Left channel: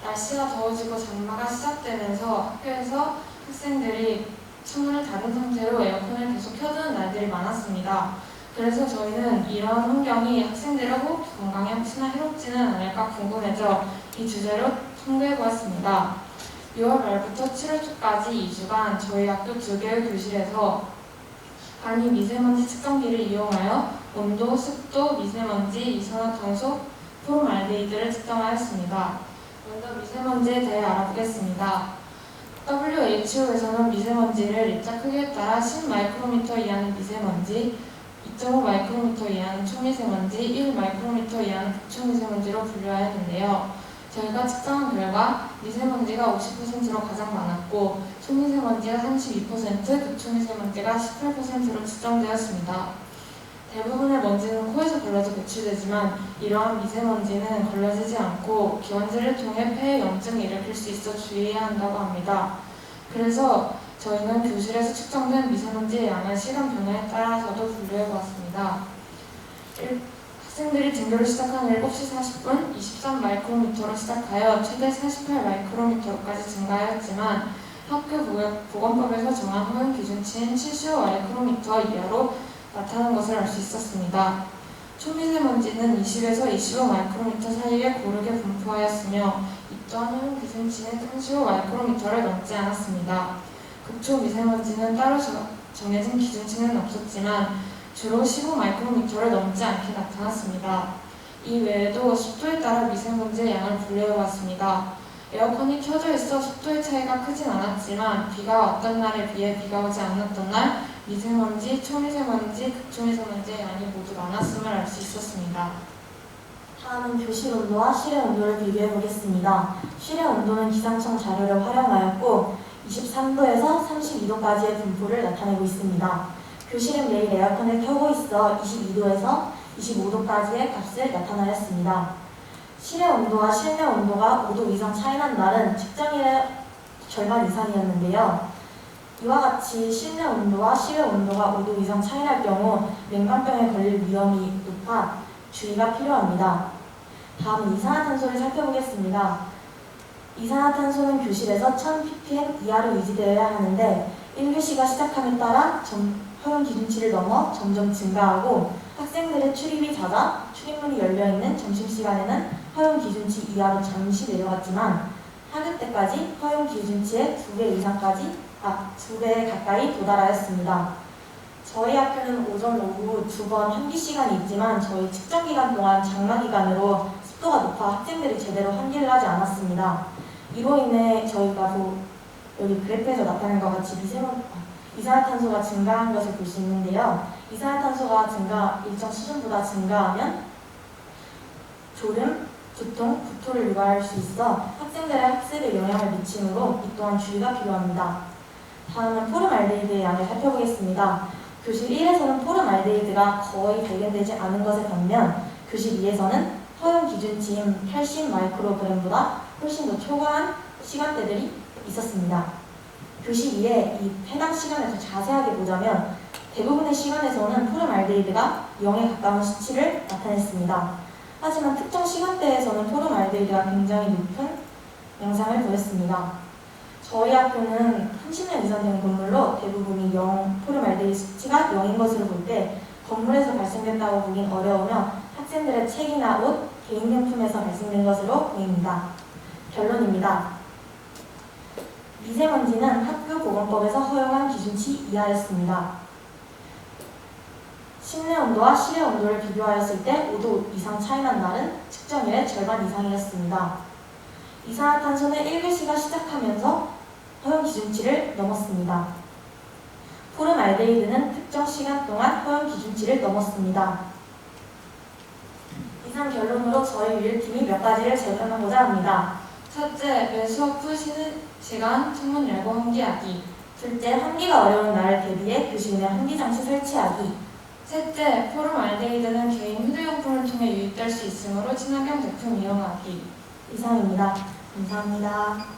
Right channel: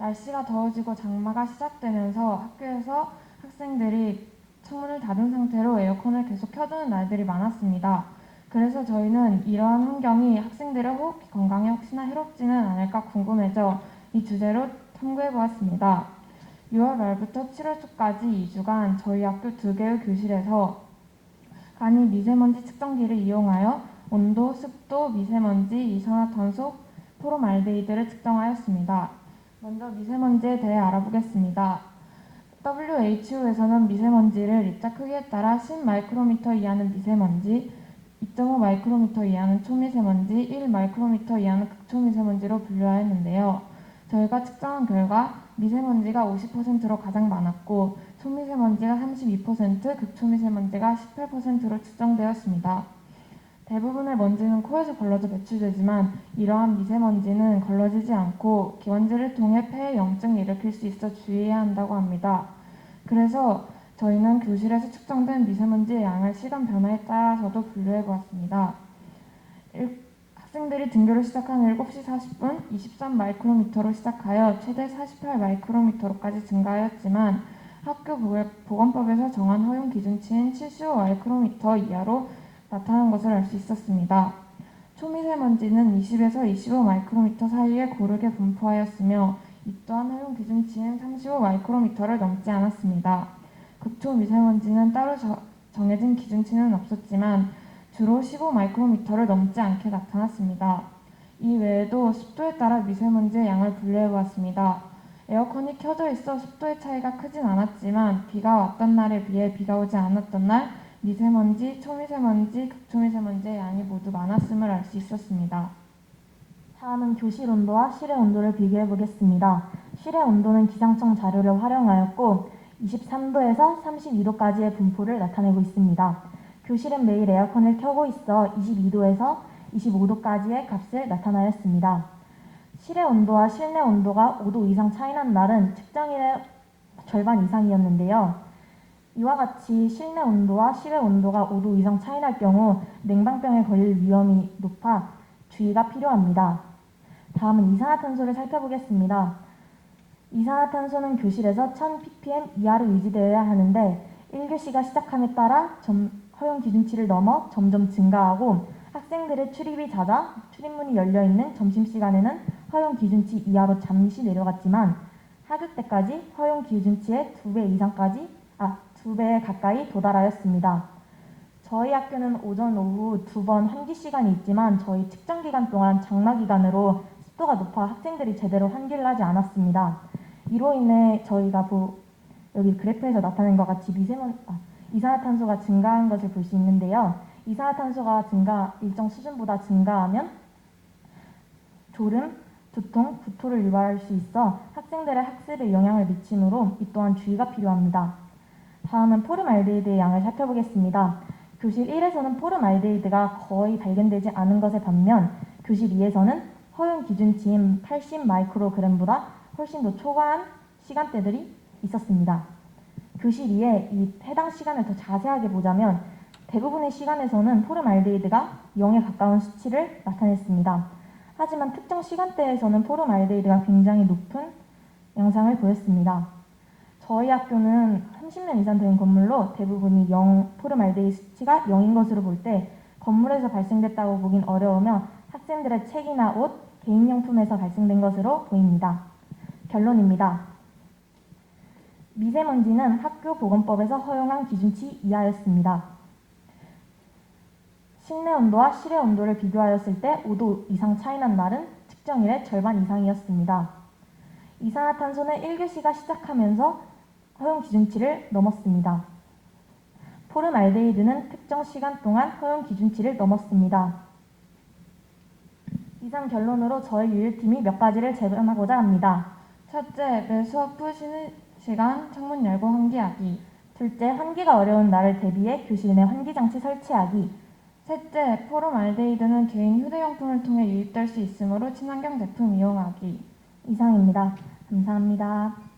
날씨가 더워지고 장마가 시작되면서 학교에서 학생들이 창문을 닫은 상태로 에어컨을 계속 켜두는 날들이 많았습니다. 그래서 저희는 이러한 환경이 학생들의 호흡 건강에 혹시나 해롭지는 않을까 궁금해져 이 주제로 청구해보았습니다. 6월 말부터 7월 초까지 2주간 저희 학교 두 개의 교실에서 간이 미세먼지 측정기를 이용하여 온도, 습도, 미세먼지, 이산화탄소, 프로말데히드를 측정하였습니다. 먼저 미세먼지에 대해 알아보겠습니다. WHO에서는 미세먼지를 리터 크기에 따라 10 마이크로미터 이하는 미세먼지, 2.5 마이크로미터 이하는 초미세먼지, 1 마이크로미터 이하는 극초미세먼지로 분류하였는데요. 저희가 측정한 결과 미세먼지가 50%로 가장 많았고 초미세먼지가 32%, 극초미세먼지가 18%로 측정되었습니다. 대부분의 먼지는 코에서 걸러져 배출되지만 이러한 미세먼지는 걸러지지 않고 기관지를 통해 폐에 염증을 일으킬 수 있어 주의해야 한다고 합니다. 그래서 저희는 교실에서 측정된 미세먼지의 양을 시간 변화에 따라서도 분류해 보았습니다. 일- 학생들이 등교를 시작한 7시 40분 23마이크로미터로 시작하여 최대 48마이크로미터로까지 증가하였지만 학교 보- 보건법에서 정한 허용 기준치인 75마이크로미터 이하로 나타난 것을 알 수 있었습니다. 초미세먼지는 20에서 25 마이크로미터 사이에 고르게 분포하였으며 이 또한 허용 기준치인 35 마이크로미터를 넘지 않았습니다. 극초 미세먼지는 따로 저- 정해진 기준치는 없었지만 주로 15 마이크로미터를 넘지 않게 나타났습니다. 이 외에도 습도에 따라 미세먼지의 양을 분류해보았습니다. 에어컨이 켜져 있어 습도의 차이가 크진 않았지만 비가 왔던 날에 비해 비가 오지 않았던 날 미세먼지, 초미세먼지, 극초미세먼지의 양이 모두 많았음을 알 수 있었습니다. 다음은 교실 온도와 실외 온도를 비교해 보겠습니다. 실외 온도는 기상청 자료를 활용하였고 23도에서 32도까지의 분포를 나타내고 있습니다. 교실은 매일 에어컨을 켜고 있어 22도에서 25도까지의 값을 나타내었습니다. 실외 온도와 실내 온도가 5도 이상 차이난 날은 측정일의 절반 이상이었는데요. 이와 같이 실내 온도와 실외 온도가 5도 이상 차이날 경우 냉방병에 걸릴 위험이 높아 주의가 필요합니다. 다음은 이산화탄소를 살펴보겠습니다. 이산화탄소는 교실에서 1000ppm 이하로 유지되어야 하는데 1교시가 시작함에 따라 점, 허용 기준치를 넘어 점점 증가하고 학생들의 출입이 잦아 출입문이 열려있는 점심시간에는 허용 기준치 이하로 잠시 내려갔지만 학교 때까지 허용 기준치의 2배 이상까지 아, 2배 가까이 도달하였습니다. 저희 학교는 오전, 오후 두 번 환기 시간이 있지만 저희 측정 기간 동안 장마 기간으로 습도가 높아 학생들이 제대로 환기를 하지 않았습니다. 이로 인해 저희가 도, 여기 그래프에서 나타낸 것 같이 미세먼 아, 이산화탄소가 증가한 것을 볼 수 있는데요. 이산화탄소가 증가 일정 수준보다 증가하면 졸음, 두통, 구토를 유발할 수 있어 학생들의 학습에 영향을 미치므로 이 또한 주의가 필요합니다. 다음은 포름알데히드의 양을 살펴보겠습니다. 교실 1에서는 포름알데히드가 거의 발견되지 않은 것에 반면 교실 2에서는 허용 기준치인 80 마이크로그램보다 훨씬 더 초과한 시간대들이 있었습니다. 교실 2에 이 해당 시간을 더 자세하게 보자면 대부분의 시간에서는 포름알데히드가 0에 가까운 수치를 나타냈습니다. 하지만 특정 시간대에서는 포름알데히드가 굉장히 높은 영상을 보였습니다. 저희 학교는 30년 이상 된 건물로 대부분이 0, 포름 알데히드 수치가 0인 것으로 볼 때 건물에서 발생됐다고 보기 어려우며 학생들의 책이나 옷, 개인용품에서 발생된 것으로 보입니다. 결론입니다. 미세먼지는 학교 보건법에서 허용한 기준치 이하였습니다. 실내 온도와 실외 온도를 비교하였을 때 5도 이상 차이난 날은 측정일의 절반 이상이었습니다. 이산화탄소는 1교시가 시작하면서 허용 기준치를 넘었습니다. 포름알데히드는 특정 시간 동안 허용 기준치를 넘었습니다. 이상 결론으로 저희 유일팀이 몇 가지를 제공하고자 합니다. 첫째, 매 수업 후 쉬는 시간 창문 열고 환기하기. 둘째, 환기가 어려운 날을 대비해 교실 내 환기 장치 설치하기. 셋째, 포름알데히드는 개인 휴대용품을 통해 유입될 수 있으므로 친환경 제품 이용하기. 이상입니다. 감사합니다.